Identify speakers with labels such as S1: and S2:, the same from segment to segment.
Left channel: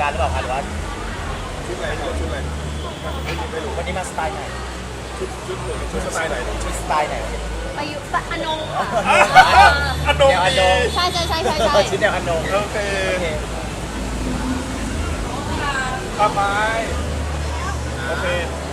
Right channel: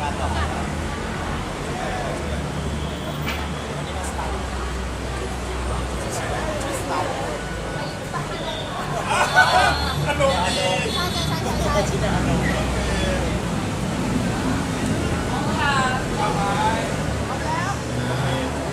S1: านหรือเปล่าครับว่า
S2: ชุดอะไรชุดอะไรไม่รู้
S1: วันนี้มาสไตล์ไหน
S2: ชุดสไตล์ไหน
S1: ชุดสไตล์ไหน
S3: ไปอยู่ปะอนงค่ะ
S2: อนงดี
S3: ใช่
S1: ชุดเดียวกันโน
S2: โอเคข้าไปโอเค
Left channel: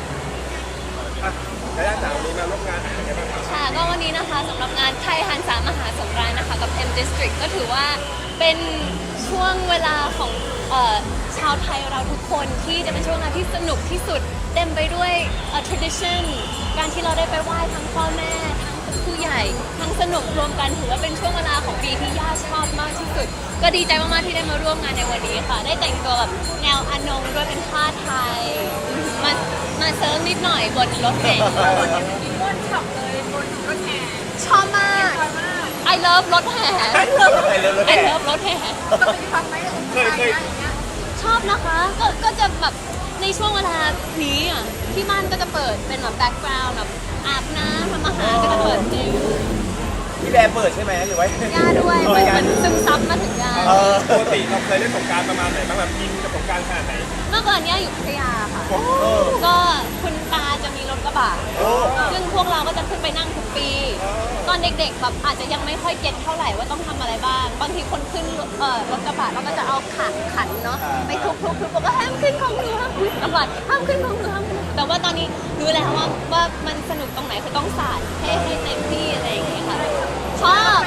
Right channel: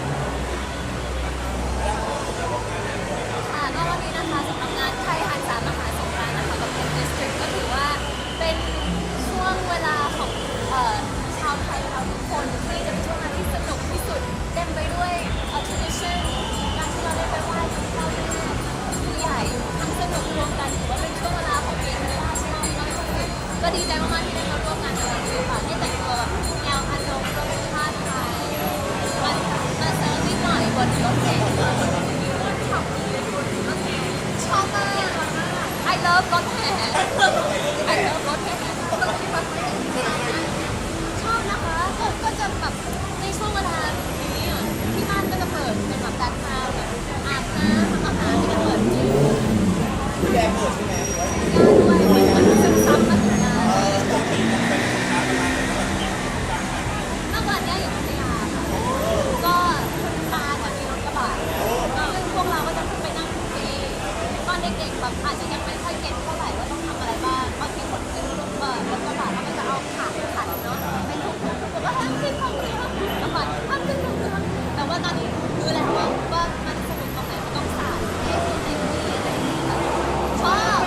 S2: ไปด้านสาวนี้มาร่วมงานไหนกันบ้างครับ
S3: ค่ะก็วันนี้นะคะสำหรับงานไทยหันษามหาสงกรานต์นะคะกับ M District ก็ถือว่าเป็นช่วงเวลาของชาวไทยเราทุกคนที่จะเป็นช่วงเวลาที่สนุกที่สุดเต็มไปด้วยtradition การที่เราได้ไปไหว้ทั้งพ่อแม่ทั้งผู้ใหญ่ทั้งสนุกรวมกันถือว่าเป็นช่วงเวลาของปีที่ย่าชอบมากที่สุดก็ดีใจมากๆที่ได้มาร่วมงานในวันนี้ค่ะได้แต่งตัวแบบแนวอนงด้วยเป็นผ้าไทยมาเซิร์ฟนิดหน่อยบนรถแห่ชอบมาก I love รถแห่ I love รถแห่
S2: เคย
S3: ชอบนะคะก็จะแบบในช่วงเวลานี้อ่ะที่บ้านก็จะเปิดเป็นแบบแบ็คกราวด์แบบอาบน้ำทำอาหารก็จะเปิดเพลง
S1: พี่แบร์เปิดใช่ไหมหรือว่า
S3: ย่าด้วยมันซึมซับมาถึงย่า
S2: ปกติเราเคยเล่นสงกรานต์ประมาณไหนบ้างแบบกินกับสงกรานต์ขนาดไหน
S3: เมื่อก่อนเนี้ยอยู่พัทยาค่ะก็คุณตาจะมีรถกระบะซึ่งพวกเราก็จะขึ้นไปนั่งทุกปี ตอนเด็กๆแบบอาจจะยังไม่ค่อยเก็ตเท่าไหร่ว่าต้องทำอะไรบ้างบางทีคนขึ้นรถกระบะเราก็จะเอาขันเนาะไปทุบบอกว่าห้ามขึ้นของหนูห้ามขึ้นกระบะห้ามขึ้นของหนูห้ามขึ้นแต่ว่าตอนนี้รู้แล้วว่ามันสนุกตรงไหนคือต้องสาดให้เต็มที่อะไรอย่างงี้ค่ะชอบ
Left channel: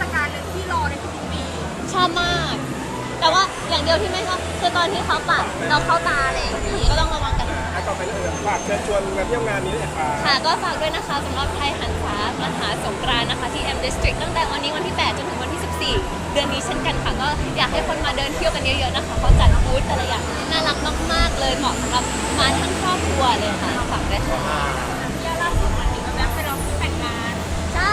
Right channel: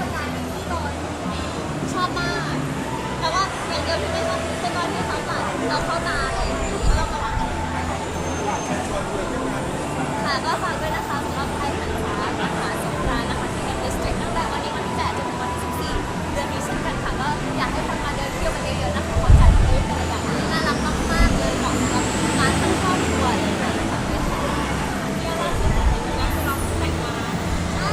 S3: ชอบมาก แต่ว่าอย่างเดียวที่ไม่ชอบคือตอนที่เขาปัดเราเข้าตาอะไรอย่างนี้ก็ต้องระวังกัน
S2: ต่อไปฝากเชิญชวนมาเที่ยวงานนี้เลย
S3: ค่ะก็ฝากด้วยนะคะสำหรับไทยหันษามหาสงกรานต์นะคะที่ M District ตั้งแต่วันนี้วันที่ 8 จนถึงวันที่ 14 เดือนนี้เช่นกันค่ะก็อยากให้คนมาเดินเที่ยวกันเยอะๆนะคะเขาจัดบูธแต่ละอย่างน่ารักมากๆเลยเหมาะสำหรับมาทั้งครอบครัวเลยค่ะฝากด้วยค่ะใช่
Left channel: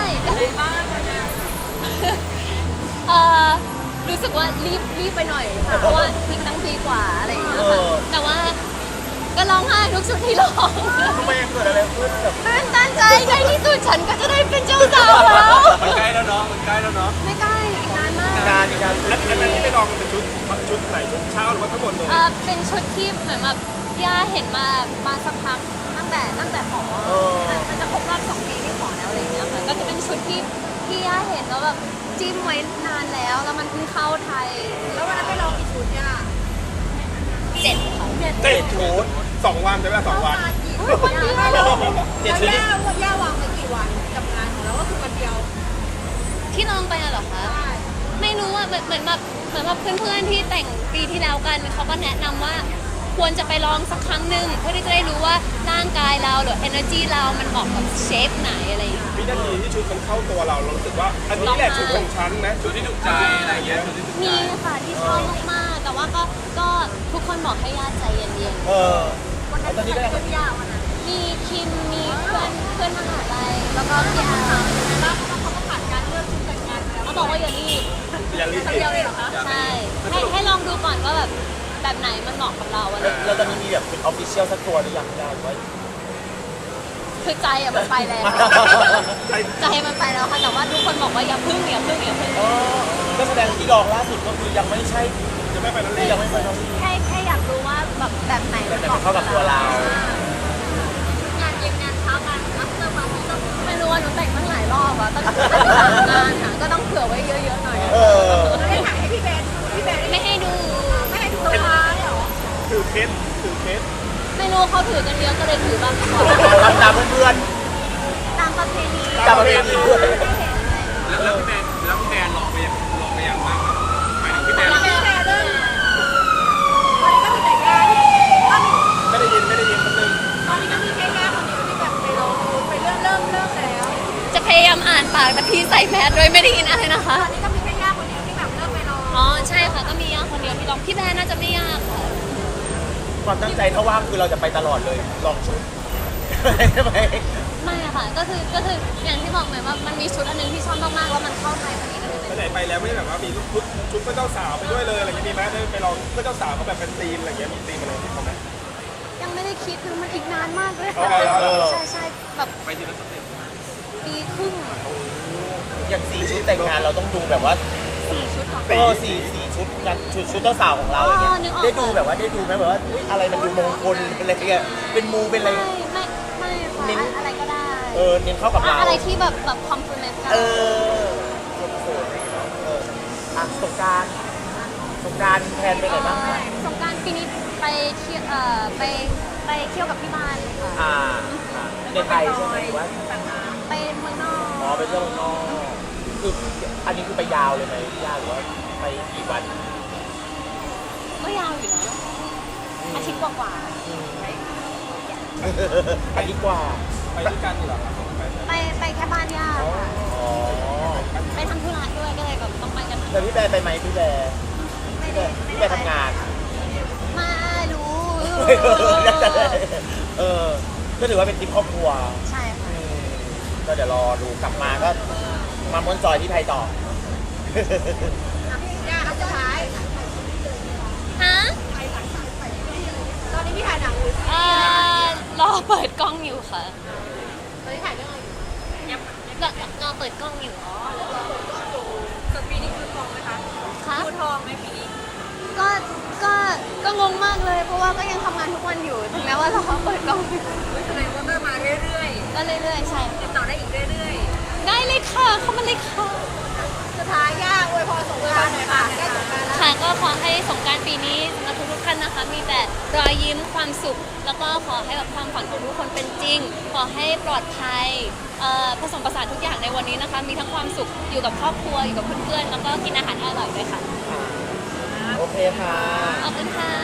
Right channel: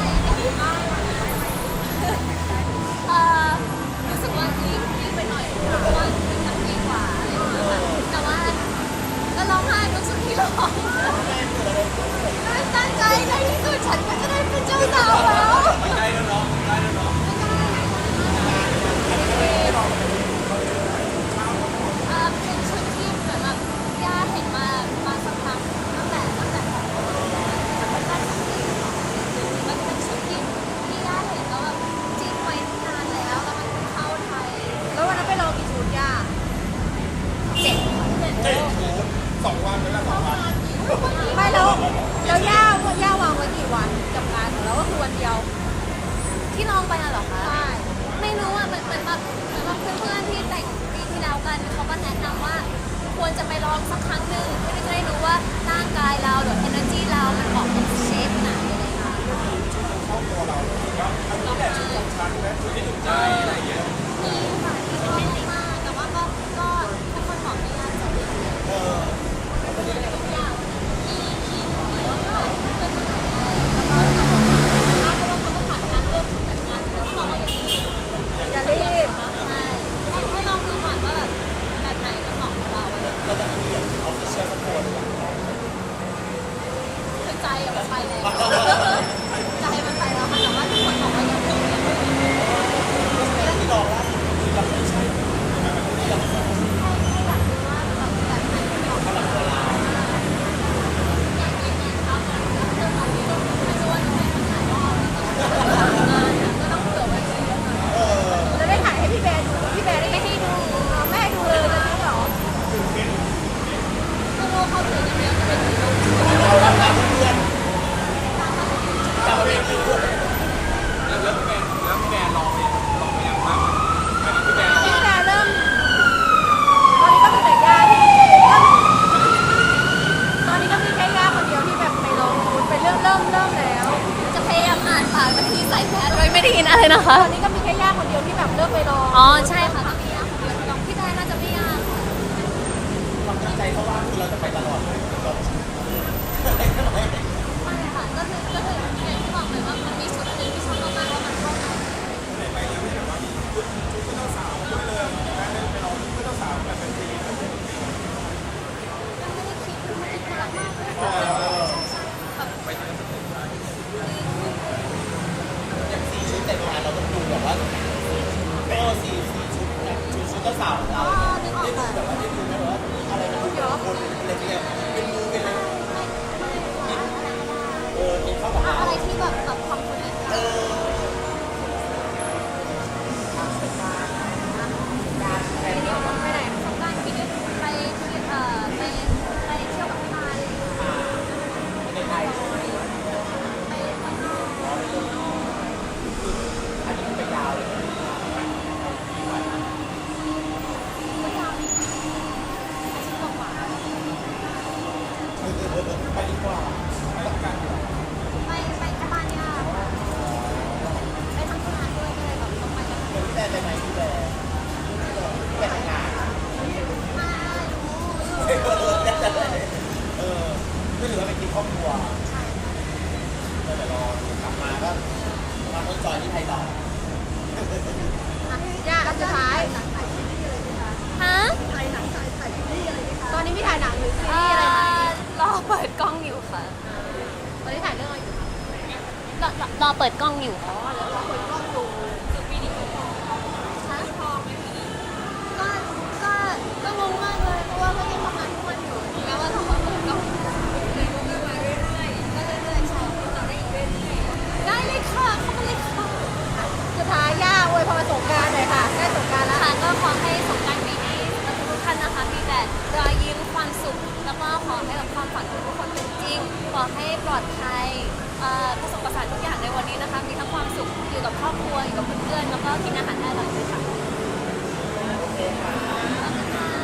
S3: รู้สึกว่ารีบไปหน่อยเพราะว่าวิ่งตั้งปีกว่าอะไรอย่างเงี้ยค่ะแต่ว่าก็ร้องไห้ทุกชุดที่ร้อง
S1: ไม่เกิดอะไรขึ้น
S3: ตื่นตันใจในที่สุดฉันก็จะได้เป็นเจ้าสาวแล้ว
S2: มันใกล้แล้วเนาะมันใกล้แล้วเนาะ
S3: ไม่ใกล้อีกนานมาก
S2: แล้วที่ไปลองมันเป็นชุดไหนชุดเช้าหรือว่าทั้งหมดเลย
S3: เป็นชุดที่เหมือนแบบย่าเห็นมาสักพักตั้งแต่ขอมันจะครบรอบ2 ปีที่ขอแล้วอะไรอย่างเงี้ยมันก็จะเป็นชุดที่ย่าเห็นแล้วแบบจิ้มไว้นานแล้วมันเพิ่งเข้าไทยแล้ววันนั้นไปลองกี่ชุดย่า7 ค่ะ
S2: 7 ชุด2 วันใช่ไหม2 วัน
S3: วันเดียว
S1: 7 ชุด
S3: ย่าวางไว้กี่วันจัดการแล้วว่าคือวันเดียวที่ลองไปอะเหรอคะไม่รู้อะเหมือนแบบเพื่อนๆที่แต่งปีที่แล้วกันเขาก็แนะนำว่าควรจะไปลองสักครั้งหนึ่งเพื่อที่จะได้รู้ว่าร่างกายเราหรือ energy เรามันเหมาะกับเชฟไหนอะไรอย่างเงี้ย
S2: วินาทีที่ชุดมันเข้าตัวเรารู้สึกว่าอันนี้แหละชุดของฉันนะชุดที่ถูกใจอะไรอย่างเงี้ย
S3: มีค่ะที่ชอบมากๆแต่ว่าก็ทุกคนบอกให้ญาติใจเย็นๆวันนั้นมีคนยาวันนั้นมีคิมมีเพื่อนมหาลัยแล้วก็พี่อาร์แล้วเพราะว่าเขาต้องผ่านการเริ่มชุดแต่งงานแล้วเขาบอกว่าอย่ารีบใช่ให้ลองดูก่อนว่าแบบไหนมันเหมาะกับเราอะไร
S1: แล้วตอนนี้มีแบบเป็นออฟฟิเชียลสักตัวหรือยังได้ไหม
S3: คือใจอะมันไปแล้วใจมันไปแล้วค่ะแต่ว่าทุกคนบอกว่าอย่าพึ่ง
S1: ก็แสดงที่ลองล่าสุดก็คือยังไม่ใช่
S2: ยังไม่ไปนั่นเลย
S1: ยังไม่ไปนั่น
S3: แค่อยากรู้ว่าแบบไหนมันเหมาะ
S1: กับตัวเรา
S3: งานเย็นงานเช้างานอัพเตอร์ปาร์ตี้ก็ไม่รู้ว่าหนูแต่งตั้งหลายรอบอะตั้ง3 งานอะก็ต้องเผื่อไว้เยอะๆหน่อยไม่ให้ดู
S2: ถือเคส
S3: ไม่รู้เขาถือกันเยอะก็เลยถือบ้าง
S1: ตามเพื่อน
S3: ตามประเพณี
S1: ด้วย
S2: แล้วพี่แบร์ลองไปอย่างมากหมายถึงพี่แบร์ไม่ได้ยินคนนึง
S3: ตอนนี้ก็คือแค่ย่าคนเดียวที่จะไปลงเป็นเริ่มแล้วจะพยายามอ่านปากแต่พี่ใส่แมสโดยไม่ได้ยินอะไรนะคะตอนนี้ก็มีแค่ย่าคนเดียวที่แบบเลือกไปลงอ๋อใช่ค่ะก็มีย่าคนเดียวที่ลองพี่แบร์น่าจะไม่ยากค่ะ
S1: ความตั้งใจถ้าว่างคือเราจะไปตลอดเลยลองชุดใช่ไหม
S3: ไม่ค่ะก็คืออย่างที่บอกเหมือนว่ามันมีชุดอันนึงที่ชอบมากๆแล้วมันเข้าไทยพอดีก็เลย
S2: ไปไหนไปแล้วไม่แบบว่ามีชุดเพื่อนเจ้าสาวไปด้วยเลยอะไรอย่างนี้มีไหมไปลองเพื่อนเจ้าสาวเขาแบบเป็นธีมอะไรอย่างเงี้ยมีธีมอะไรที่เขาไหม
S3: ยังไม่ได้คิดคือมันอีกนานมากเลยใช่แบบ
S2: ไปถึงนั้น
S3: ปีครึ่ง
S1: อย่าง4 ชุดแต่งงานเราต้องดูแบบว่า4 ชุด4 ชุดงานชุดเจ้าสาวของเรา
S3: อ๋อ
S1: เนี่ย
S3: นึกออก
S1: ได้ดู
S3: ค่ะ
S1: แบบว่าได้ดูไหมแบบว่าเฮ้ยอะไรมันดูมงคลเป็นอะไรเงี้ยเป็นมูเป็นอะไร
S3: ไม่ค่ะอะไรก็ได้
S1: เน้นเข้ากับเรา
S3: อะไรที่แบบคอมพลีเมนต์กัน
S1: เอออ่ะสงกรานต์แฟนไปไหนบ้างคะ
S3: สงกรานต์ปีนี้ไปเที่ยวไปเที่ยวกับที่บ้านค่ะ
S1: ไม่ในไทยใช่ไหมหรือว่า
S3: ไปเมืองนอก
S1: อ๋อไปเที่ยวเมืองนอกคืออันนี้คือไปยาวเลยไหมยาวหรือว่าไปกี่วัน
S3: ก็ยาวอยู่นะอาทิตย์กว่า
S1: ไปดีกว่า
S2: ไปด้วยกันเหรอครับ
S3: ๆไปแค่บ้านย่าค่ะ
S1: อ๋อ
S3: ไปทำธุระด้วยก็เลยแบบต้องไปกันทั้ง
S1: แต่พี่แบร์ไปไหมพี่แบร์ทำงาน
S3: มารู้
S1: ก็ถือว่าเป็นทริปครอบครัว
S3: ใช่ค่ะ
S1: ก็เดี๋ยวรอดูกลับมาก็มาม้วนจอยที่ไทยต่อ
S3: ฮะรอเปิดกล้องอยู่ค่ะรอเปิดกล้องอยู่ค่ะคะก็งงมากเลย เพราะว่าก็ยังทำงานทุกวันอยู่ถึงแม้ว่ารอเปิดกล้องอยู่
S4: ก็เริ่มมาเรื่อย
S3: ก็เรื่อยๆใช่
S4: ๆติดต่อได้อีกเรื่อย
S3: ได้เลยค่ะเข้ามาเลยค่ะ
S4: ๆสุดท้ายย่าอวยพรสงกรานต์หน่อยค่ะได้สงกรานต์
S3: ค่ะก็ขอให้สงกรารปีนี้สำหรับทุกๆท่านนะคะ มีแต่รอยยิ้มความสุข แล้วก็ขอให้แบบความฝันของทุกคนเป็นจริง ขอให้ปลอดภัยผสมผสานทุกอย่างในวันนี้นะคะ มีทั้งความสุขอยู่กับครอบครัวอยู่กับเพื่อนๆแล้วก็กินอาหารอร่อยด้วยค่ะ
S1: โอเคค่ะ
S3: ขอบคุณค่ะ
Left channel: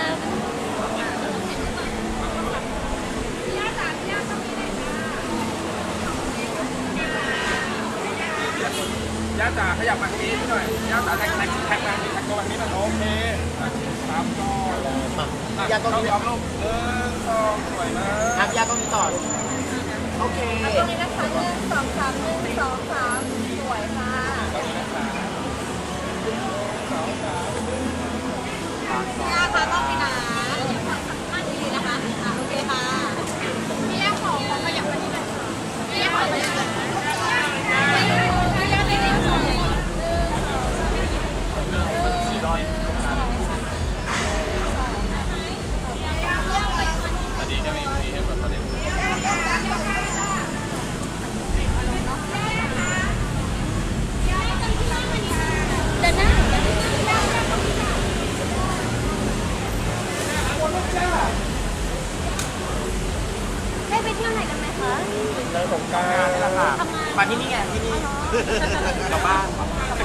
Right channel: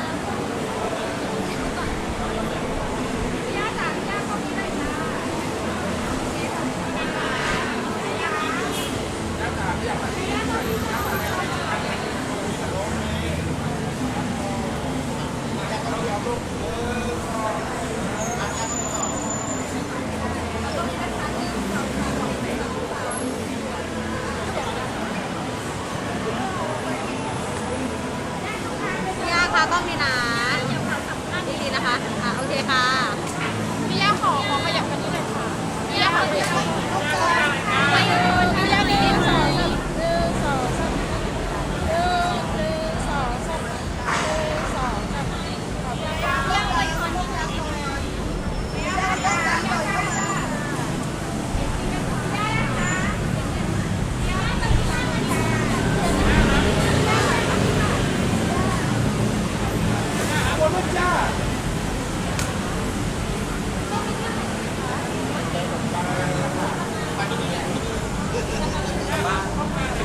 S2: ย่าจ๋าขยับมาทางนี้หน่อยย่าจ๋าแท็กทางนี้มันโอเคครับก็
S1: มาญาติต้อง
S2: เอา
S1: มี
S2: ยอมลูก1 2ปล่อยนะ
S1: ครับญาติต้องมีต่อลูกโอเค
S4: ตรงนี้นะคะ1 2 3 1 2 3สวยค่ะย่าค่ะต้องมีนะฝั่งสำคัญนี้นะคะโอเคค่ะพี่ย่าขอมาอย่างนี้นะพี่ย่าขอเลยค่ะ
S3: เดินหน้าได้ไปเที่ยวไหนกันไหมคะ
S1: เดินสงกรานต์นี่แหละค่ะ
S3: ทำงาน
S1: มาที่นี่ไงที่นี่กลับบ้าน